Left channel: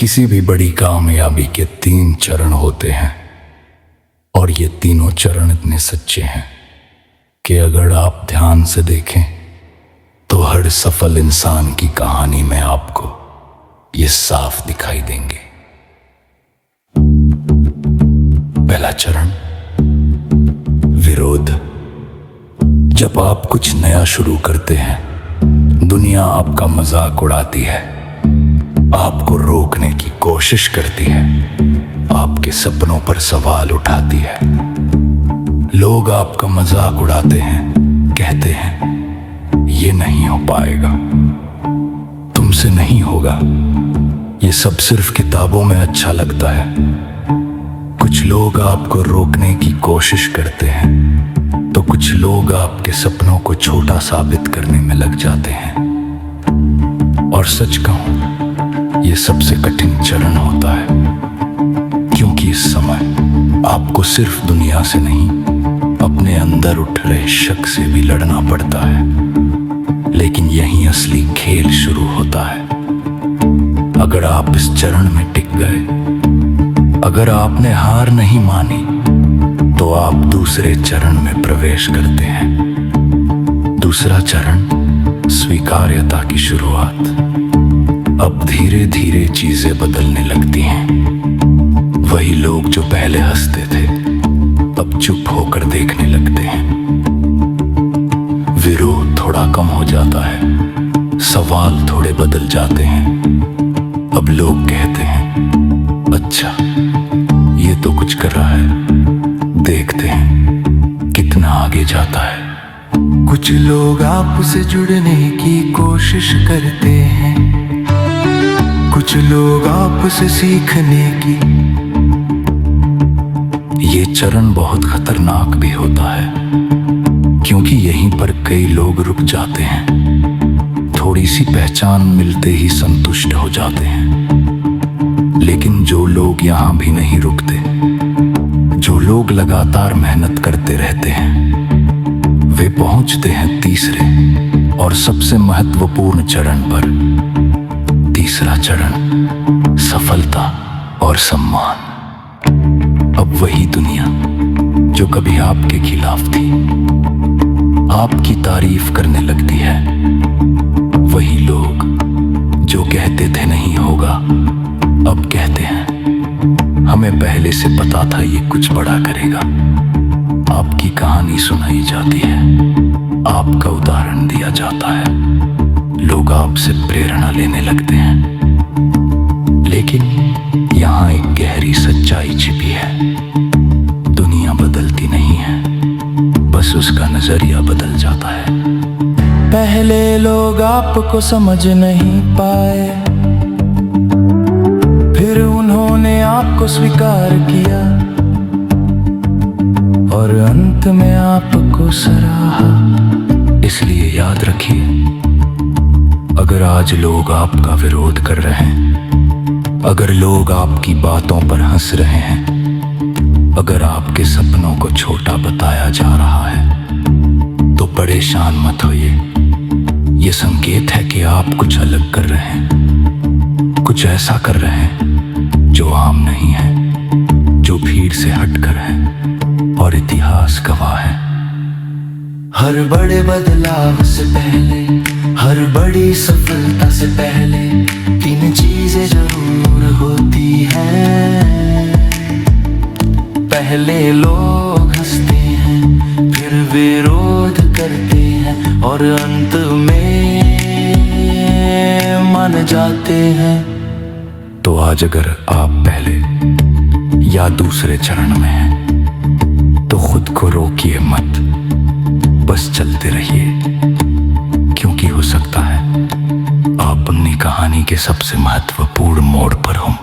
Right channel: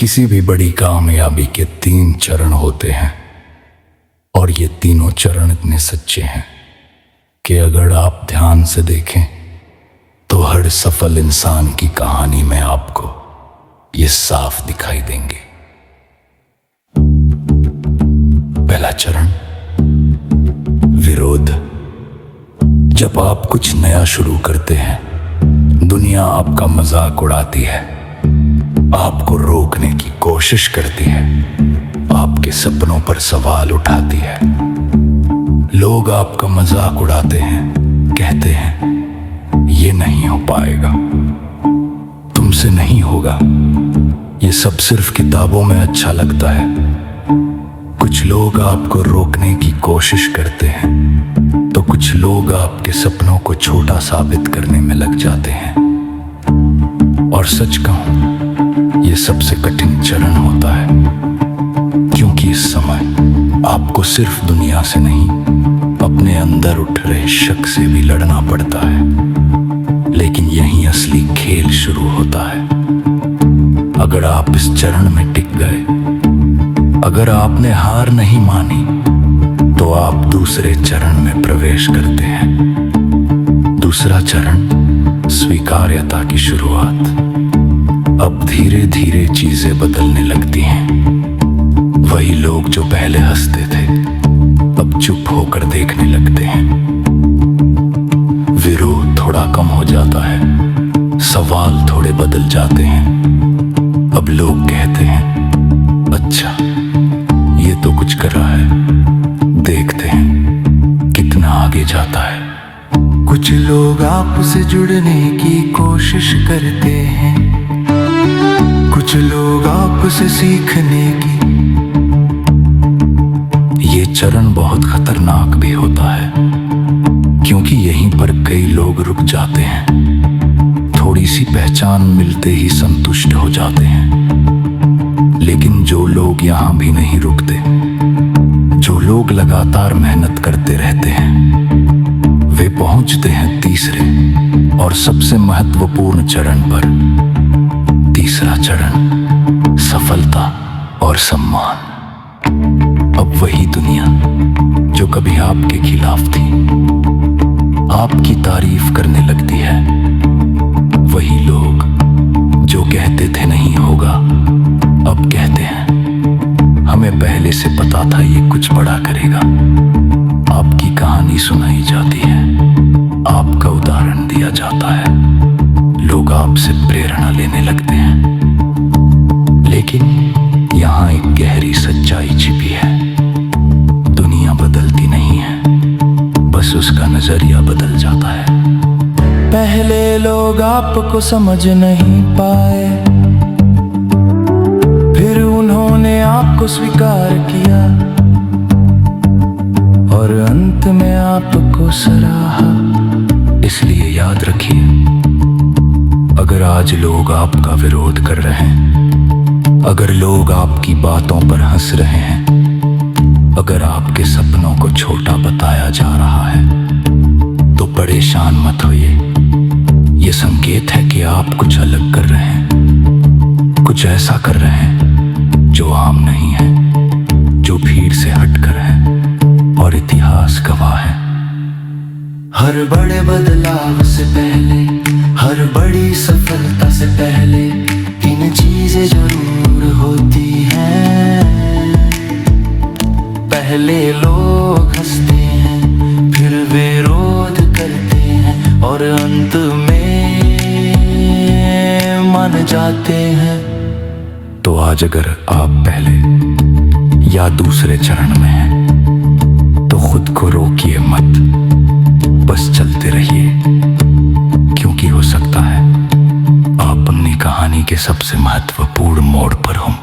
किसी भी बड़ी कामयाबी के 3 चरण होते हैं और ये तीनों चरण इतने सच्चे हैं कि अगर आप ध्यान से देखें तो हर सफल इंसान की कहानी में आपको ये साफ दिखाई देंगे। पहला चरण, विरोध। जब आप कुछ नया शुरू करते हैं, दुनिया आपका मजाक उड़ाती है, आपको रोकने की कोशिश करती है, आपके सपनों पर सवाल उठाती है। लोग आपका मजाक उड़ाते हैं, कहते हैं ये नहीं हो पाएगा, तुमसे नहीं होगा, ये सब सिर्फ किताबों में अच्छा लगता है। कुछ लोग आपको रोकने की कोशिश करते हैं तो कुछ लोग आपके सपनों को छोटा साबित करने में लग जाते हैं। और सच कहूं, ये सबसे कठिन चरण होता है, क्योंकि इस समय आपको सिर्फ दुनिया से नहीं, अपने अंदर उठ रहे शक से भी लड़ना पड़ता है। लेकिन यहीं असली खेल शुरू होता है। अगर आप इस चरण में टिक गए, अगर आपने हार नहीं मानी, तो आप दूसरे चरण में प्रवेश करते हैं। दूसरा चरण, स्वीकार्यता की शुरुआत। अब धीरे धीरे चीजें बदलने लगती हैं। वही लोग जो पहले हंसते थे, अब चुप होकर देखने लगते हैं। विरोध थोड़ा कम हो जाता है, सवाल थोड़े बदल जाते हैं। अब लोग कहते हैं, अच्छा ये तो कुछ कर रहा है, देखते हैं कितना आगे जाता है। कुछ लोग आपसे जुड़ने की कोशिश करते हैं, कुछ लोग आपसे सीखने की। ये चरण बहुत खतरनाक भी होता है, क्योंकि यहीं पर कई लोग रुक जाते हैं। थोड़ी सी पहचान मिलते ही संतुष्ट हो जाते हैं। लेकिन जो लोग यहां भी नहीं रुकते, जो लोग लगातार मेहनत करते रहते हैं, वे पहुंचते हैं तीसरे और सबसे महत्वपूर्ण चरण पर। तीसरा चरण, सफलता और सम्मान। अब वही दुनिया जो कभी आपके खिलाफ थी, आपकी तारीफ करने लगती है। वही लोग जो कहते थे नहीं होगा, अब कहते हैं हमें पहले से पता था ये कुछ बड़ा करेगा। आपकी कहानी सुनाई जाती है, आपका उदाहरण दिया जाता है, लोग आपसे प्रेरणा लेने लगते हैं। लेकिन यहाँ एक गहरी सच्चाई छिपी है। दुनिया बदलती नहीं है, बस उसका नजरिया बदल जाता है। पहले लोग आपको समझ नहीं पाए, फिर उन्होंने आपको स्वीकार किया और अंत में आपको सराहा। इसलिए याद रखिए, अगर आज लोग आपका विरोध कर रहे हैं, अगर लोग आपकी बातों पर हंस रहे हैं, अगर आपके सपनों को छोटा बताया जा रहा है, तो परेशान मत होइए। ये संकेत है कि आप कुछ अलग कर रहे हैं, कुछ ऐसा कर रहे हैं जो आम नहीं है, जो भीड़ से हटकर है, और इतिहास गवाह है। हर बड़े बदलाव से पहले, हर बड़ी सफलता से पहले 3 चीजें जरूर होती हैं। पहले लोग हंसते हैं, फिर विरोध करते हैं और अंत में मान जाते हैं। तो आज अगर आप पहले या दूसरे चरण में हैं, तो खुद को रोकिए मत, बस चलते रहिए, क्योंकि हो सकता है आप अपनी कहानी के सबसे महत्वपूर्ण मोड़ पर हों।